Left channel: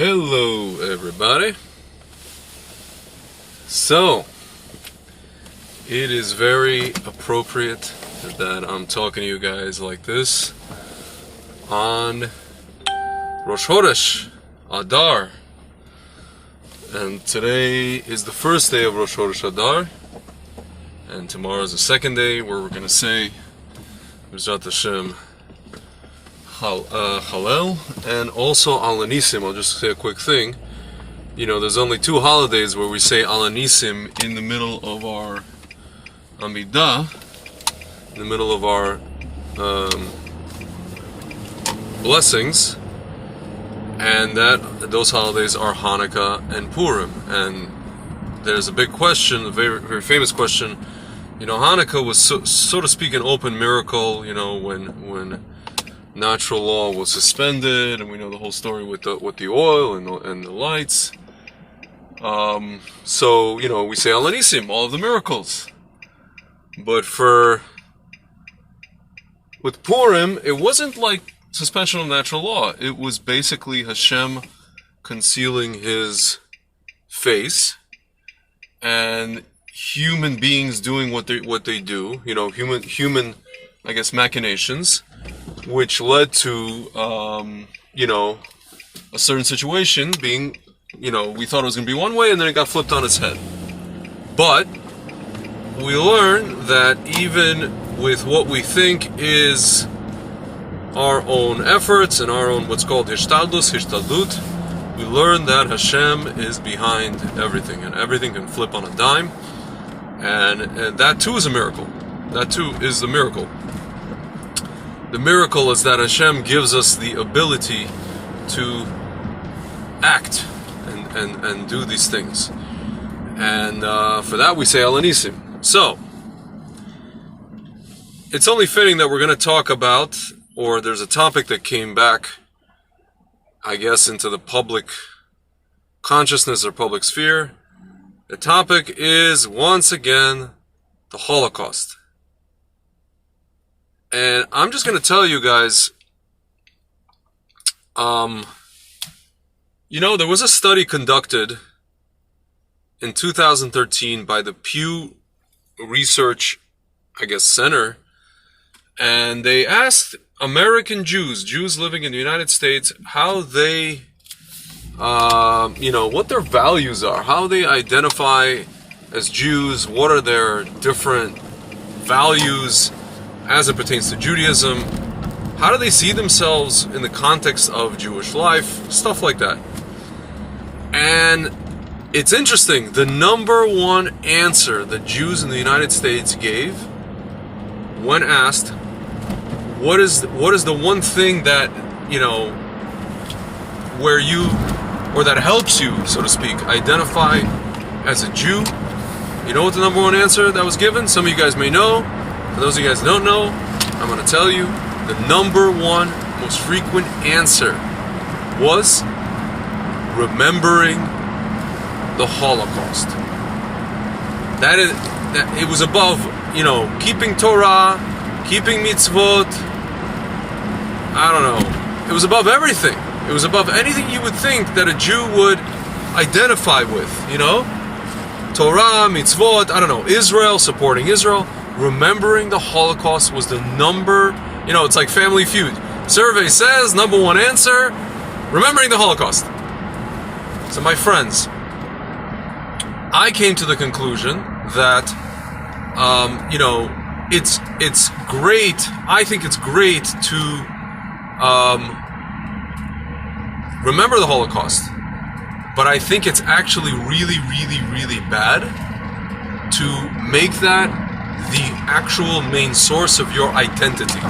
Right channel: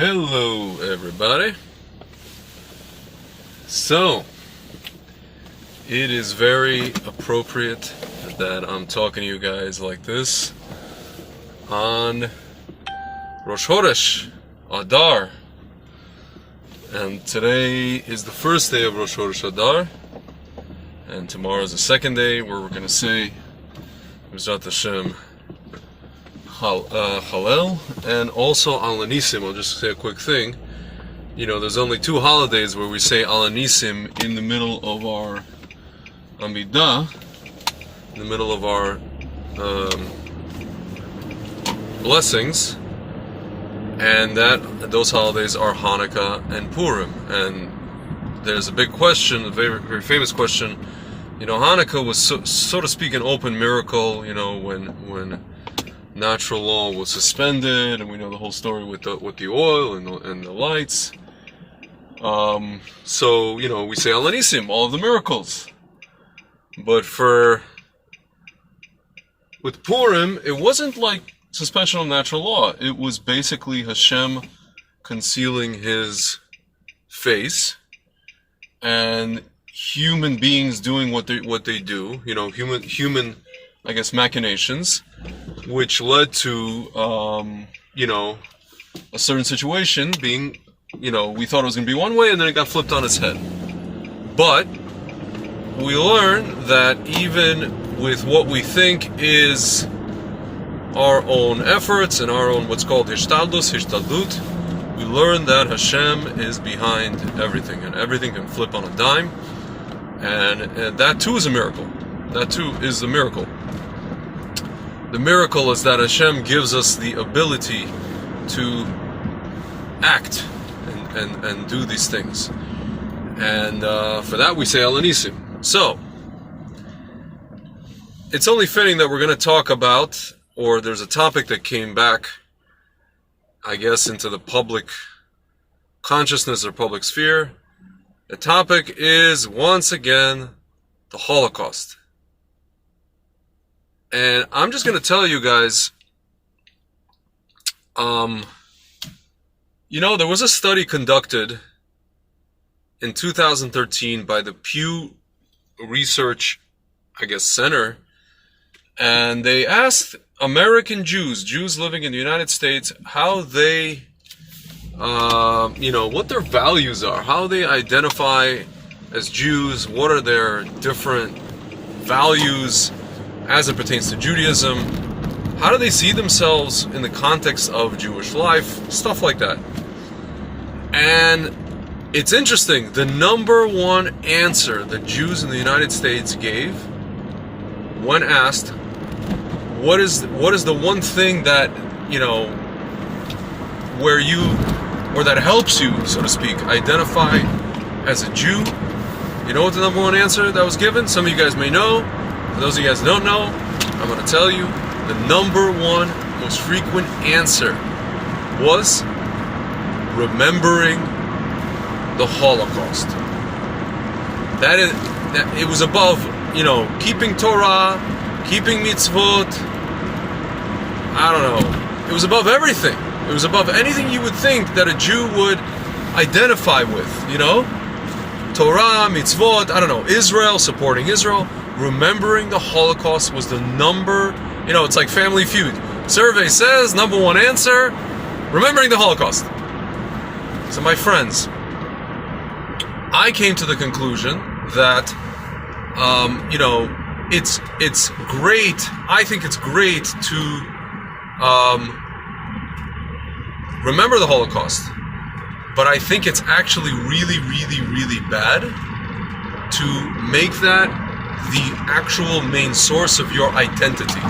Hello, everybody. So, it is very appropriate that I'm talking to you guys like this on Rosh Chodesh Adar. And today is the first day of Rosh Chodesh Adar. And tomorrow is the second day where we're going to say Mizrat Hashem Hallel, and also Al Nisim. I'll just say a quick thing. You know, there's only two holidays where we say Al Nisim in the middle of our Amidah, in the middle of our blessings, and those holidays are Hanukkah and Purim. And there's a big question, a very, very famous question. You know, Hanukkah was so to speak an open miracle. You know, when natural law was suspended, and we know the whole story with the oil and the lights. So you know, we say Al Nisim, all of the miracles. But with Purim, it wasn't like suspension of natural law. It was basically Hashem concealing His face, and human beings doing what they do. You know, human, I guess, machinations, which led to, you know, a certain situation being, you know, we thought it was going to be one way, and then it got flipped on its head. But we learn that even with what we think is our own efforts and our own what's called hishtadlut, we learn that Hashem is behind everything, and everything can flip on a dime, and that too is a miracle. That too is a miracle. The miracle is that Hashem gives us the ability to act and do these things. And for that we say Al Nisim. So, it's only fitting that we're going to talk about, or there's a topic that came back, I guess, into the public consciousness or public sphere. The topic is, once again, the Holocaust. And I'm just going to tell you guys, you know, there was a study conducted in 2013 by the Pew Research, I guess, Center, and they asked American Jews living in the United States, how they, you know, what their values are, how they identify as Jews, what are their different values as it pertains to Judaism, how do they see themselves in the context of Jewish life, stuff like that. And it's interesting, the number one answer that Jews in the United States gave when asked, what is the one thing that, you know, or that helps you, so to speak, identify as a Jew? You know what the number one answer that was given? Some of you guys may know. For those of you guys who don't know, I'm going to tell you, the number one most frequent answer was remembering the Holocaust. That it was above, you know, keeping Torah, keeping mitzvot. I don't know. It was above everything. It was above anything you would think that a Jew would identify with, you know? Torah, mitzvot, I don't know, Israel, supporting Israel. Remembering the Holocaust was the number, you know, it's like Family Feud. Survey says, number one answer, remembering the Holocaust. So my friends, I came to the conclusion that, you know, it's great, I think it's great to remember the Holocaust. But I think it's actually really, really, really bad to make that the actual main source of your identity.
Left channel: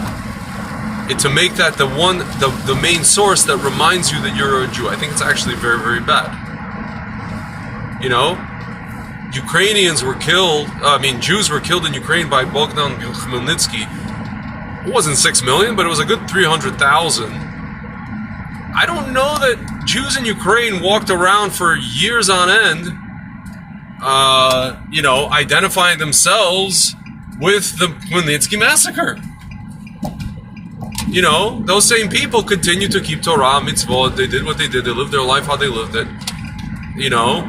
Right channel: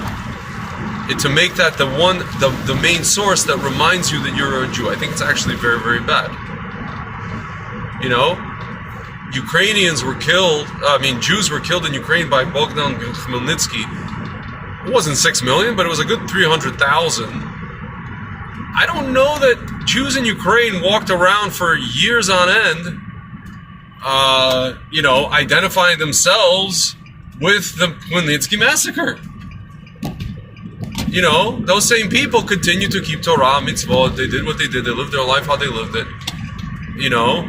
To make that the main source that reminds you that you're a Jew. I think it's actually very, very bad. You know, Ukrainians were killed, Jews were killed in Ukraine by Bogdan Khmelnytsky. It wasn't 6 million, but it was a good 300,000. I don't know that Jews in Ukraine walked around for years on end, you know, identifying themselves with the Khmelnytsky massacre. you know, those same people continue to keep Torah, mitzvot. They did what they did. They lived their life how they lived it. You know,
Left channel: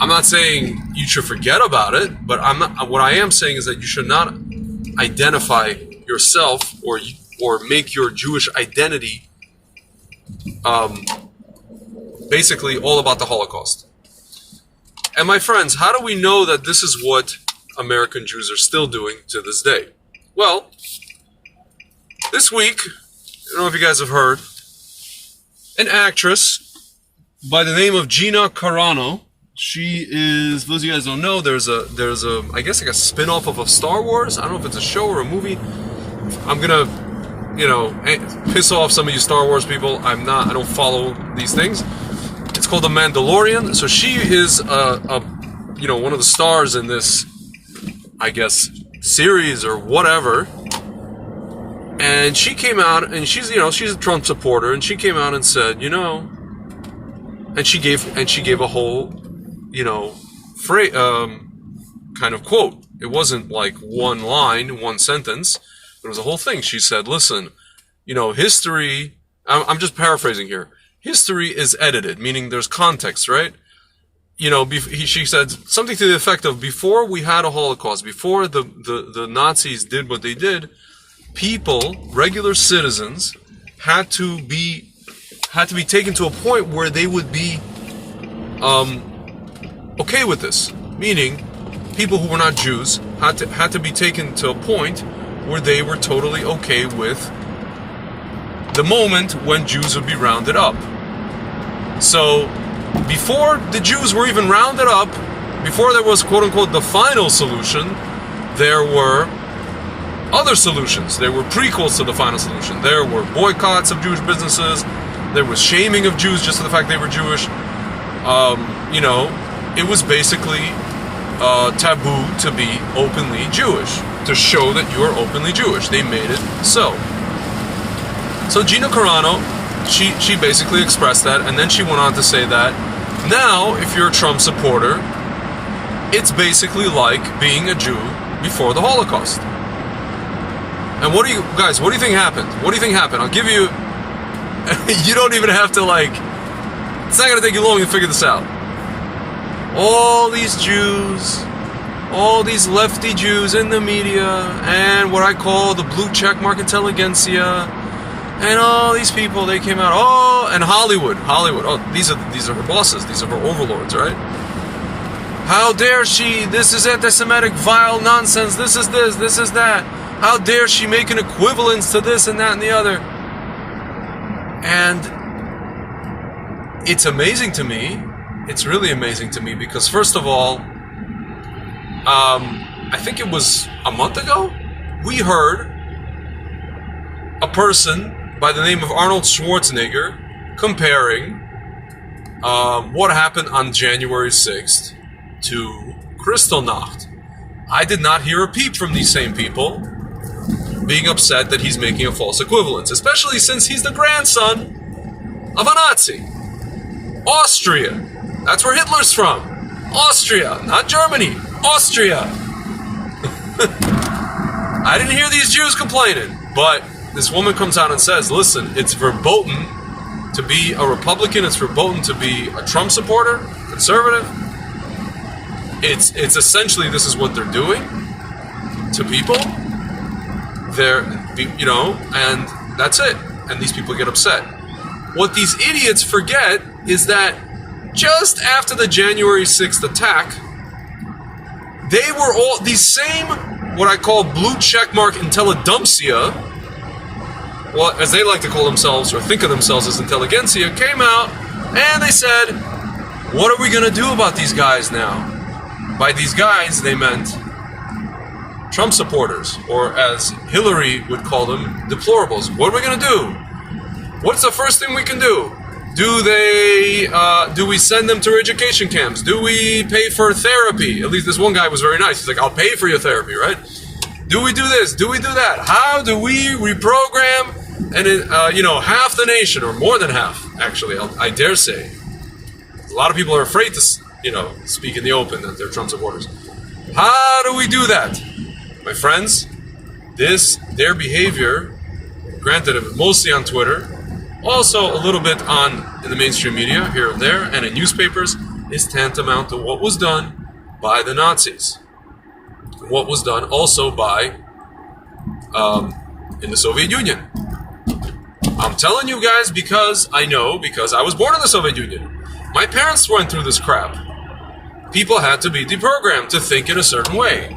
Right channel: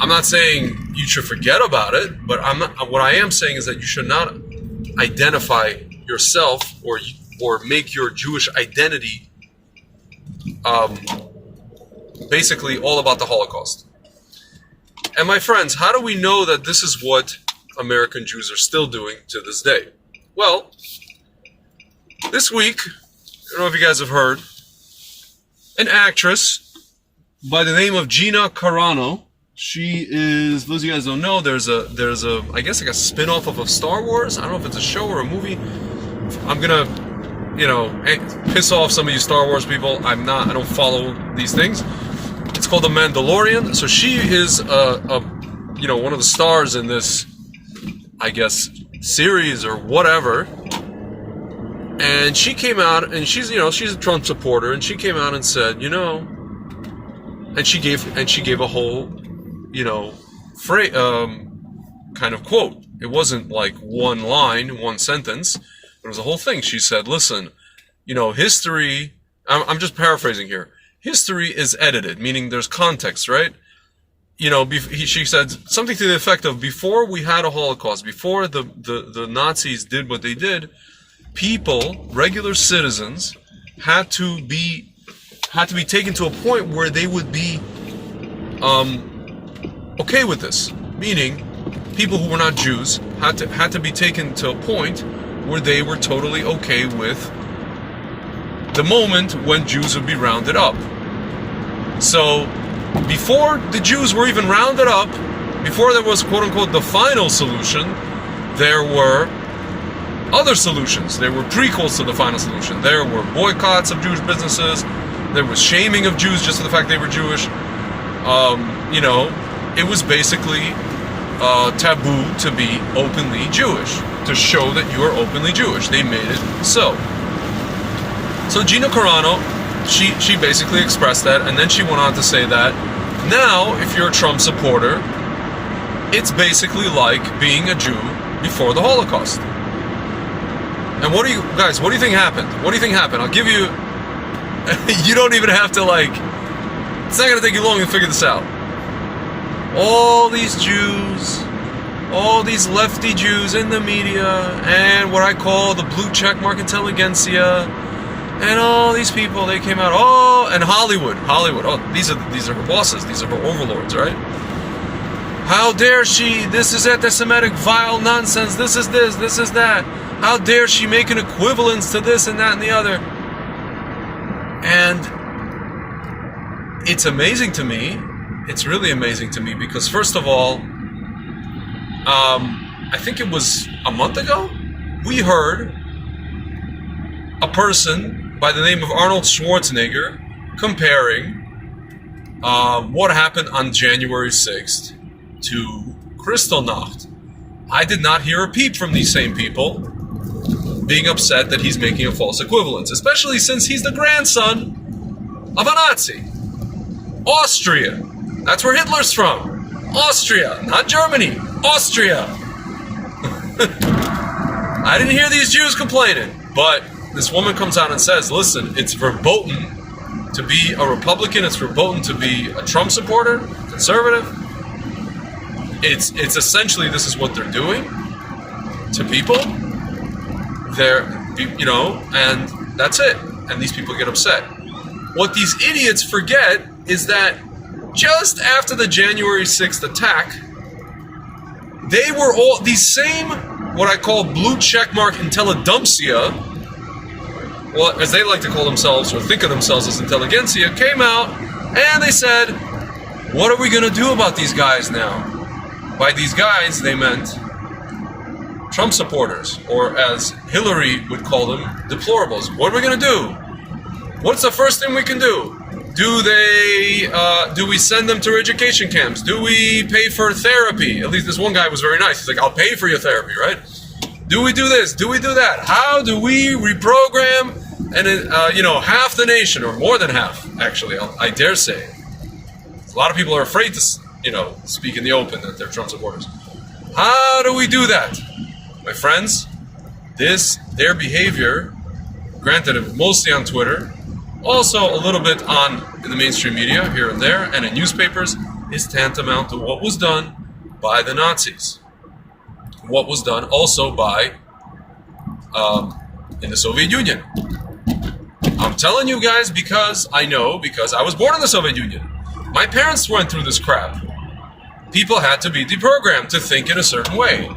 I'm not saying you should forget about it, but what I am saying is that you should not identify yourself or make your Jewish identity basically all about the Holocaust. And my friends, how do we know that this is what American Jews are still doing to this day? Well, this week, I don't know if you guys have heard, an actress by the name of Gina Carano. She is, those of you guys don't know, there's a I guess like a spin-off of a Star Wars. I don't know if it's a show or a movie. I'm gonna, you know, piss off some of you Star Wars people. I don't follow these things. It's called The Mandalorian. So she is you know, one of the stars in this, I guess, series or whatever. And she came out, and she's a Trump supporter, and she came out and said, you know, and she gave a whole, you know, kind of quote. It wasn't like one line, one sentence. It was a whole thing. She said, listen, you know, history, I'm just paraphrasing here. History is edited, meaning there's context, right? You know, she said something to the effect of, before we had a Holocaust, before the Nazis did what they did, people, regular citizens, had to be taken to a point where they would be okay with this. Meaning, people who were not Jews had to be taken to a point where they were totally okay with the moment when Jews would be rounded up. So, before the Jews were even rounded up, before there was quote-unquote the final solution, there were other solutions. There were prequels to the final solution. There were boycotts of Jewish businesses. There was shaming of Jews just for the fact they were Jewish. You know, it was basically taboo to be openly Jewish, to show that you are openly Jewish. They made it so. So Gina Carano, she basically expressed that, and then she went on to say that now, if you're a Trump supporter, it's basically like being a Jew before the Holocaust. And what do you think happened? What do you think happened? I'll give you, you don't even have to it's not going to take you long to figure this out. All these Jews, all these lefty Jews in the media, and what I call the blue checkmark intelligentsia, and all these people, they came out, and Hollywood, these are her bosses, these are her overlords, right? How dare she, this is anti-Semitic, vile nonsense, this is that. How dare she make an equivalence to this and that and the other? And it's amazing to me. It's really amazing to me because, first of all, I think it was a month ago, we heard a person by the name of Arnold Schwarzenegger comparing what happened on January 6th to Kristallnacht. I did not hear a peep from these same people being upset that he's making a false equivalence, especially since he's the grandson of a Nazi. Austria. That's where Hitler's from. Austria, not Germany. Austria. I didn't hear these Jews complaining, but this woman comes out and says, listen, it's verboten to be a Republican, it's verboten to be a Trump supporter, conservative. It's essentially, this is what they're doing to people. They're, you know, and that's it. And these people get upset. What these idiots forget is that just after the January 6th attack, they were all, these same, what I call blue checkmark intelligentsia, well, as they like to call themselves or think of themselves as intelligentsia, came out and they said, what are we going to do about these guys now? By these guys, they meant Trump supporters, or as Hillary would call them, deplorables. What are we going to do? What's the first thing we can do? Do we send them to education camps? Do we pay for therapy? At least this one guy was very nice. He's like, I'll pay for your therapy, right? Do we do this? Do we do that? How do we reprogram half the nation, or more than half, actually, I dare say. A lot of people are afraid to, speak in the open that they're Trump supporters. How do we do that? My friends, their behavior granted, mostly on Twitter, also a little bit in the mainstream media here and there, and in newspapers, is tantamount to what was done by the Nazis. What was done also by in the Soviet Union. I'm telling you guys because I know, because I was born in the Soviet Union. My parents went through this crap. People had to be deprogrammed to think in a certain way.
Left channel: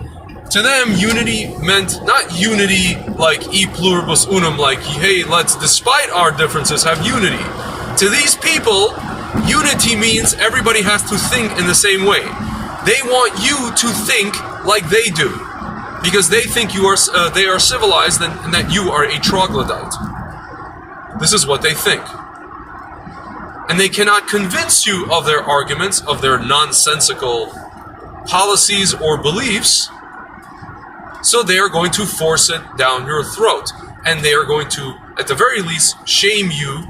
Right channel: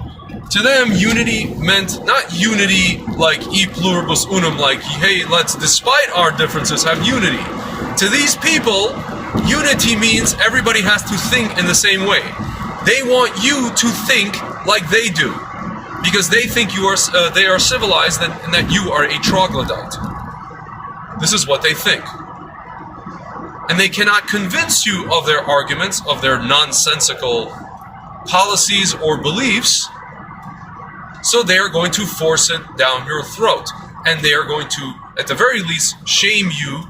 To them, unity meant not unity like e pluribus unum, like, hey, let's, despite our differences, have unity. To these people, unity means everybody has to think in the same way. They want you to think like they do, because they think they are civilized and that you are a troglodyte. This is what they think. And they cannot convince you of their arguments, of their nonsensical policies or beliefs, so they are going to force it down your throat. And they are going to, at the very least, shame you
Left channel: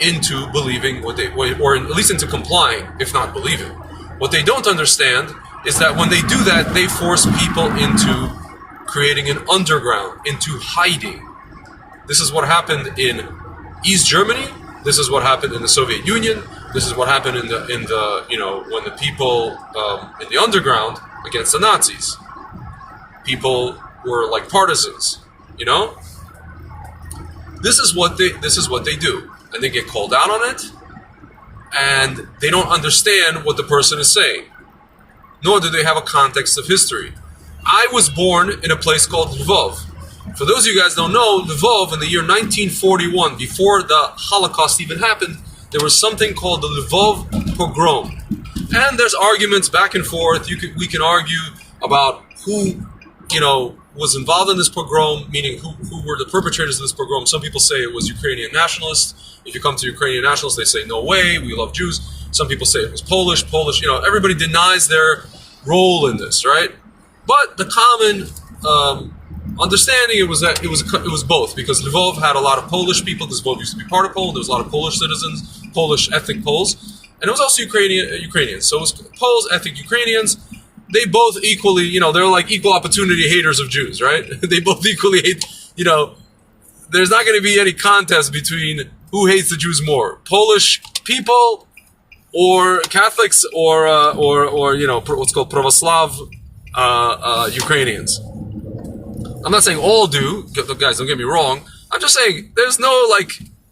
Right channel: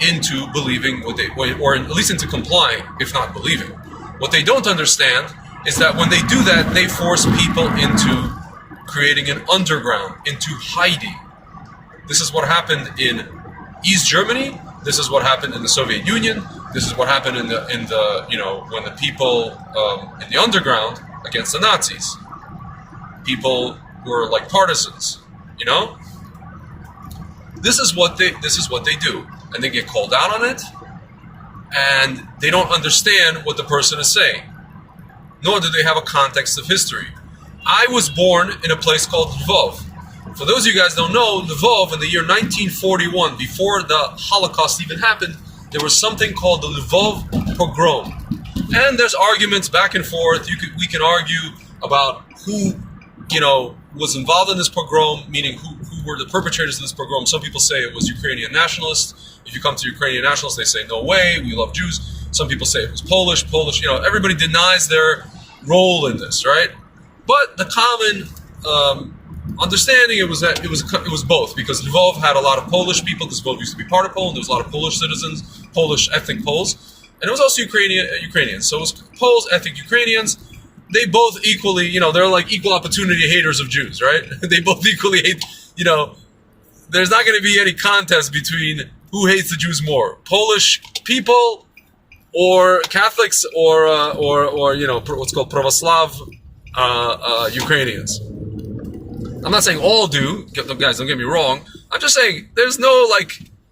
into believing what they, or at least into complying, if not believing. What they don't understand is that when they do that, they force people into creating an underground, into hiding. This is what happened in East Germany. This is what happened in the Soviet Union. This is what happened in the when the people in the underground against the Nazis. People were like partisans, This is what they do, and they get called out on it, and they don't understand what the person is saying, nor do they have a context of history. I was born in a place called Lvov. For those of you guys who don't know, Lvov in the year 1941, before the Holocaust even happened, there was something called the Lvov pogrom. And there's arguments back and forth. We can argue about who, was involved in this pogrom, meaning who were the perpetrators of this pogrom. Some people say it was Ukrainian nationalists. If you come to Ukrainian nationalists, they say, no way, we love Jews. Some people say it was Polish, everybody denies their role in this, right? But the common understanding it was that it was both, because Lvov had a lot of Polish people, because Lvov used to be part of Poland. There was a lot of Polish citizens, Polish ethnic Poles, and it was also Ukrainians. So it was Poles, ethnic Ukrainians. They both equally, they're like equal opportunity haters of Jews, right? They both equally hate, there's not going to be any contest between who hates the Jews more, Polish people or Catholics or what's called Pravoslav Ukrainians. I'm not saying all do, guys, don't get me wrong. I'm just saying there's no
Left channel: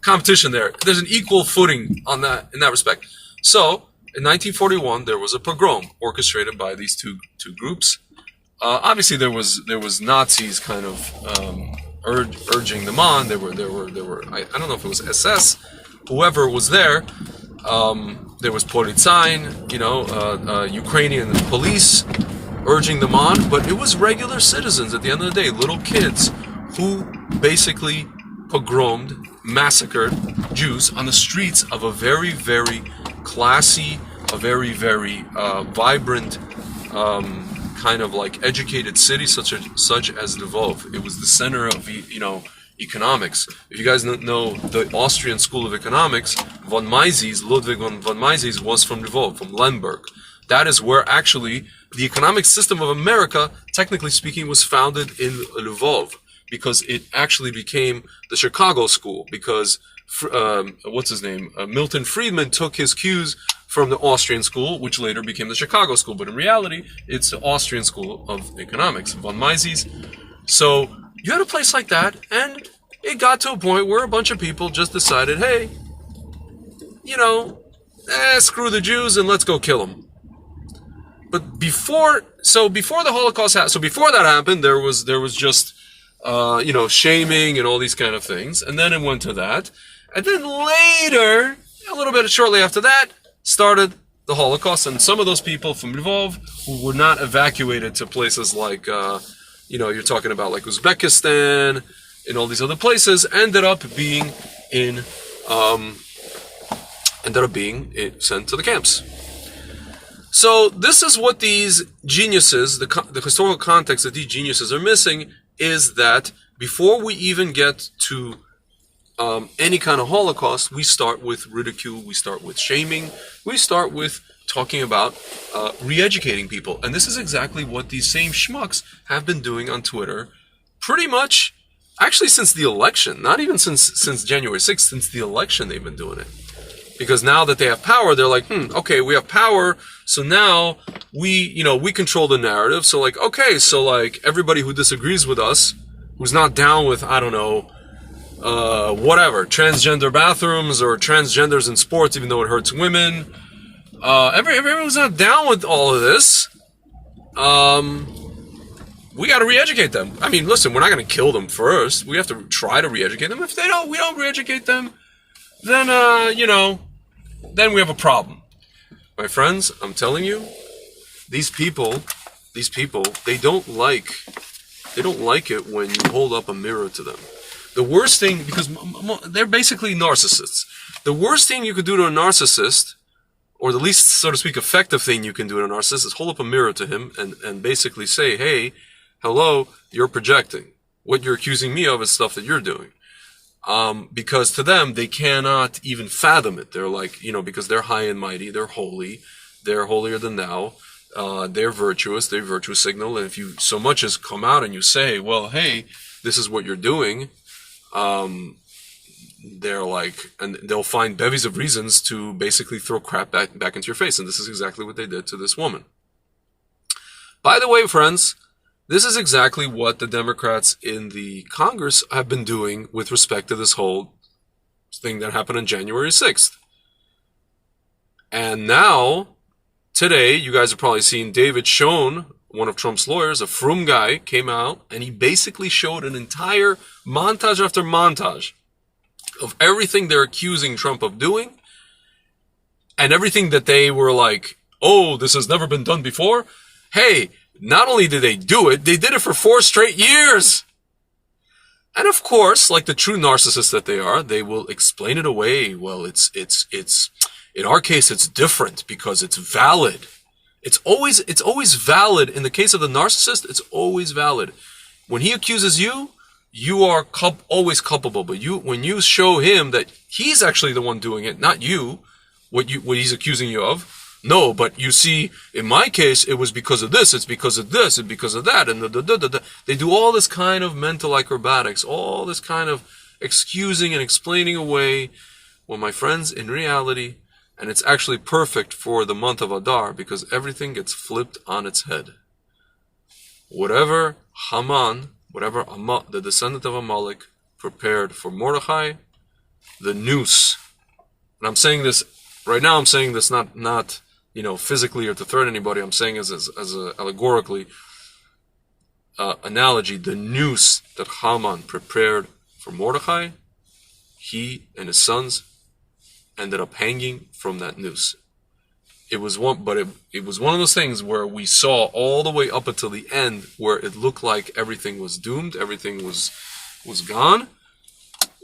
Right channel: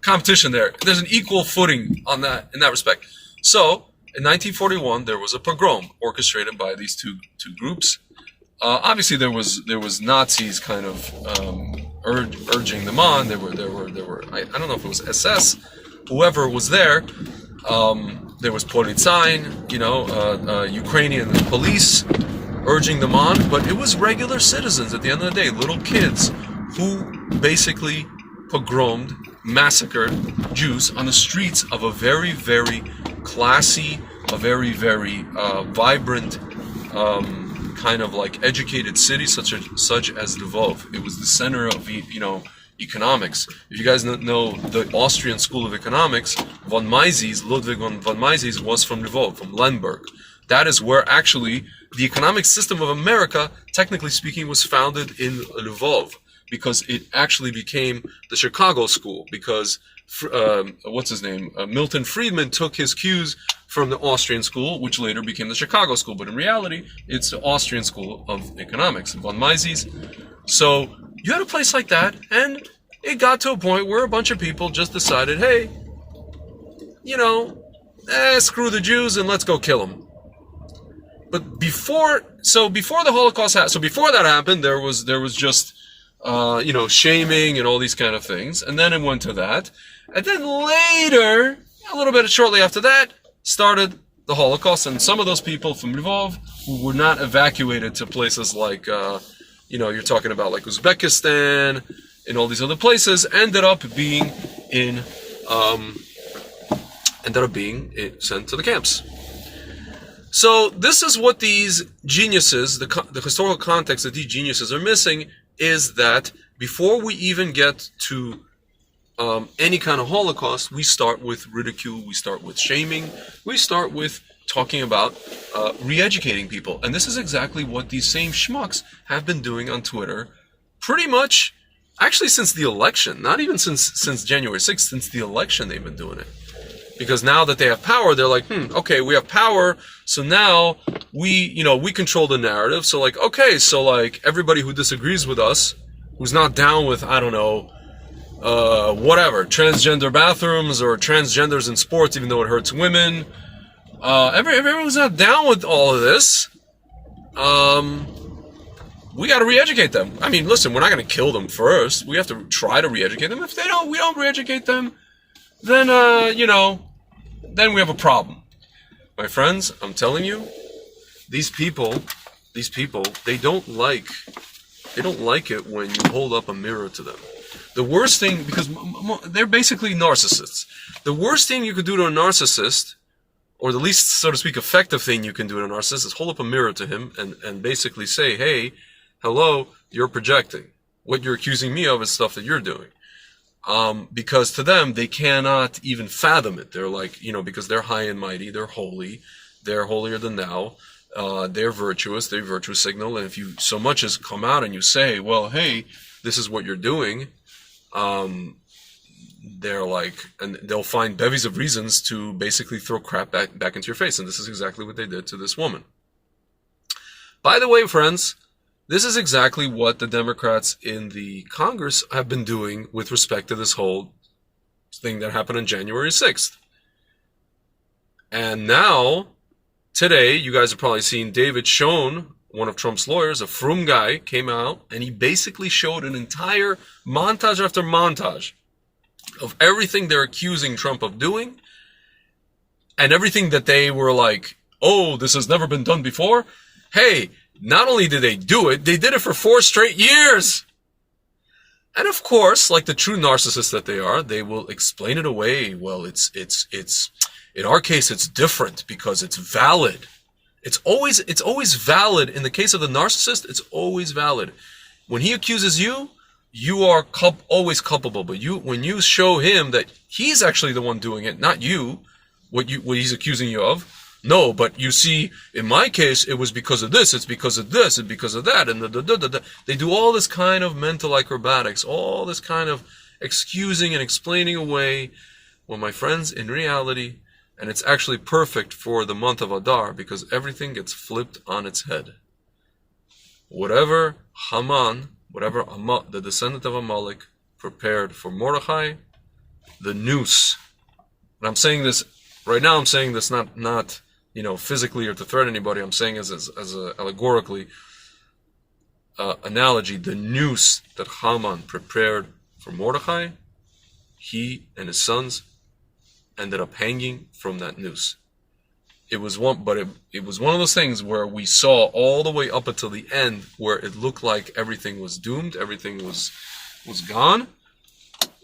competition there. There's an equal footing on that in that respect. So in 1941, there was a pogrom orchestrated by these two groups. Obviously, there was Nazis kind of urging them on. There were I don't know if it was SS, whoever was there. There was Politsain, Ukrainian police urging them on, but it was regular citizens at the end of the day, little kids, who basically pogromed, massacred Jews on the streets of a very, very classy, a very, very vibrant, kind of educated city such as Lvov. It was the center of economics. If you guys know the Austrian School of Economics, Ludwig von Mises was from Lvov, from Lemberg. That is where actually the economic system of America, technically speaking, was founded in Lvov, because it actually became the Chicago School, because Milton Friedman took his cues from the Austrian School, which later became the Chicago School, but in reality, it's the Austrian School of Economics, von Mises. So you had a place like that, and it got to a point where a bunch of people just decided, hey, screw the Jews and let's go kill them. But before the Holocaust happened, before that happened, there was just shaming and all these kind of things, and then it went to that, and then later, a little bit shortly after that, started the Holocaust, and some of those people from Lvov who were not evacuated to places like you're talking about like Uzbekistan and all these other places, ended up being sent to the camps. So this is what these geniuses, the historical context that these geniuses are missing, is that before we even get to any kind of Holocaust, we start with ridicule, we start with shaming, we start with talking about re-educating people. And this is exactly what these same schmucks have been doing on Twitter pretty much Actually, since the election, not even since January 6th, since the election, they've been doing it. Because now that they have power, they're like, okay, we have power, so now we control the narrative. So like, okay, so like everybody who disagrees with us, who's not down with, I don't know, whatever, transgender bathrooms or transgenders in sports, even though it hurts women, everyone's not down with all of this. We got to re-educate them. I mean, listen, we're not going to kill them first. We have to try to re-educate them. If we don't re-educate them, then, then we have a problem. My friends, I'm telling you, these people, they don't like it when you hold up a mirror to them. The worst thing, because they're basically narcissists. The worst thing you could do to a narcissist, or the least, so to speak, effective thing you can do to a narcissist, is hold up a mirror to him and basically say, hey, hello, you're projecting. What you're accusing me of is stuff that you're doing. Because to them, they cannot even fathom it. They're like, because they're high and mighty, they're holy, they're holier than thou, they're virtuous, they virtue signal, and if you so much as come out and you say, well, hey, this is what you're doing, they're like, and they'll find bevies of reasons to basically throw crap back into your face, and this is exactly what they did to this woman. By the way, friends, this is exactly what the Democrats in the Congress have been doing with respect to this whole thing that happened on January 6th. And now, today, you guys have probably seen David Schoen, one of Trump's lawyers, a frum guy, came out and he basically showed an entire montage after montage of everything they're accusing Trump of doing and everything that they were like, oh, this has never been done before. Hey, not only did they do it, they did it for 4 straight years. And of course, like the true narcissists that they are, they will explain it away. Well, it's in our case, it's different because it's valid. It's always valid. In the case of the narcissist, it's always valid. When he accuses you, you are always culpable. But when you show him that he's actually the one doing it, not you, what he's accusing you of. No, but you see, in my case, it was because of this, it's because of this, it's because of that, and they do all this kind of mental acrobatics, all this kind of excusing and explaining away, well, my friends, in reality, and it's actually perfect for the month of Adar, because everything gets flipped on its head. Whatever Haman, the descendant of Amalek, prepared for Mordechai, the noose, and I'm saying this, right now I'm saying this not physically or to threaten anybody. I'm saying as a allegorically analogy, the noose that Haman prepared for Mordechai, he and his sons ended up hanging from that noose. It was one of those things where we saw all the way up until the end where it looked like everything was doomed, everything was gone.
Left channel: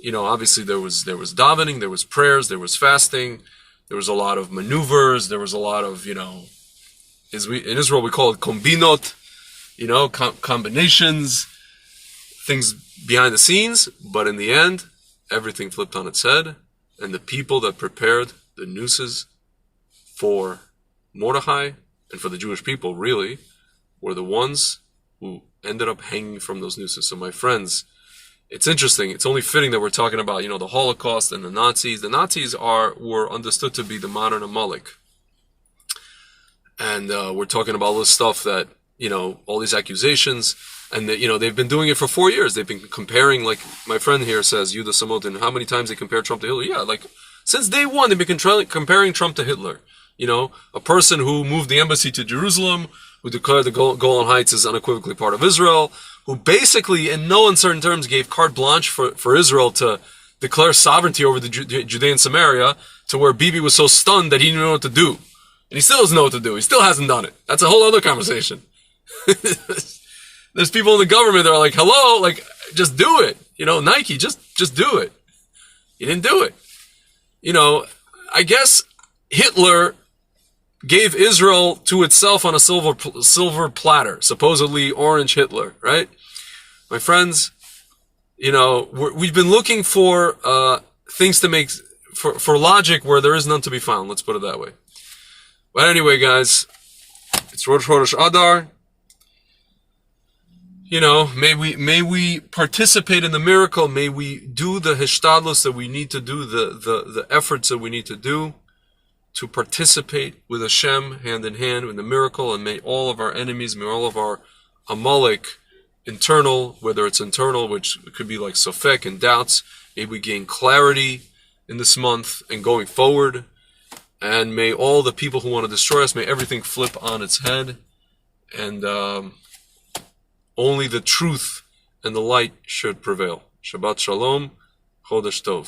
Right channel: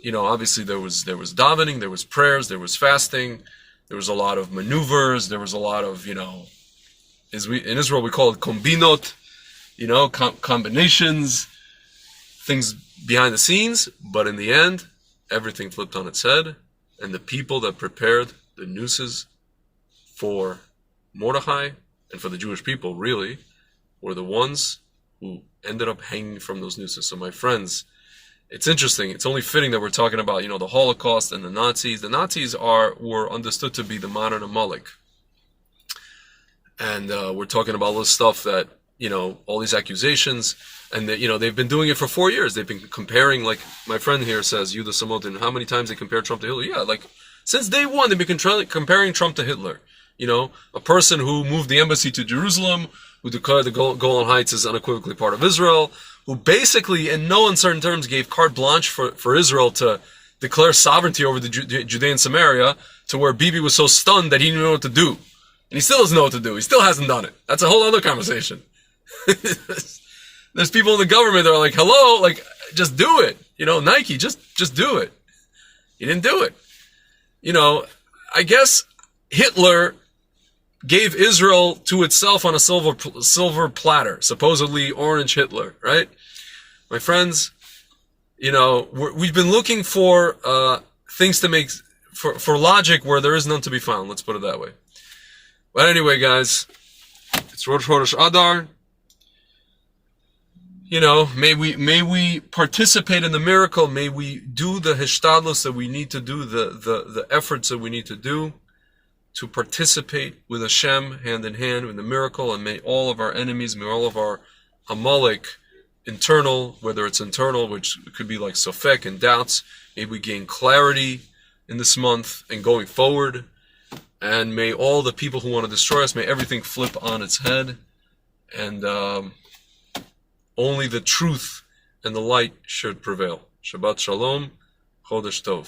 Obviously there was davening, there was prayers, there was fasting. There was a lot of maneuvers. There was a lot of, in Israel we call it kombinot, combinations, things behind the scenes. But in the end, everything flipped on its head. And the people that prepared the nooses for Mordechai and for the Jewish people, really, were the ones who ended up hanging from those nooses. So my friends, it's interesting. It's only fitting that we're talking about, the Holocaust and the Nazis. The Nazis were understood to be the modern Amalek. And we're talking about all this stuff that, all these accusations. And, they've been doing it for 4 years. They've been comparing, like my friend here says, Yuda Samotin, how many times they compare Trump to Hitler? Yeah, like since day one, they've been comparing Trump to Hitler. A person who moved the embassy to Jerusalem, who declared the Golan Heights as unequivocally part of Israel, who basically, in no uncertain terms, gave carte blanche for Israel to declare sovereignty over the Judea and Samaria, to where Bibi was so stunned that he didn't know what to do. And he still doesn't know what to do. He still hasn't done it. That's a whole other conversation. There's people in the government that are like, hello, like, just do it. Nike, just do it. He didn't do it. I guess Hitler gave Israel to itself on a silver platter, supposedly orange Hitler, right? My friends, we've been looking for things to make, for logic where there is none to be found, let's put it that way. But anyway, guys, it's Rosh Chodesh Adar. may we participate in the miracle. May we do the hishtadlus that we need to do, the efforts that we need to do to participate with Hashem hand in hand in the miracle. And may all of our enemies, may all of our Amalek, internal, whether it's internal, which could be like sofek and doubts, may we gain clarity in this month and going forward. And may all the people who want to destroy us, may everything flip on its head. And only the truth and the light should prevail. Shabbat Shalom, Chodesh Tov.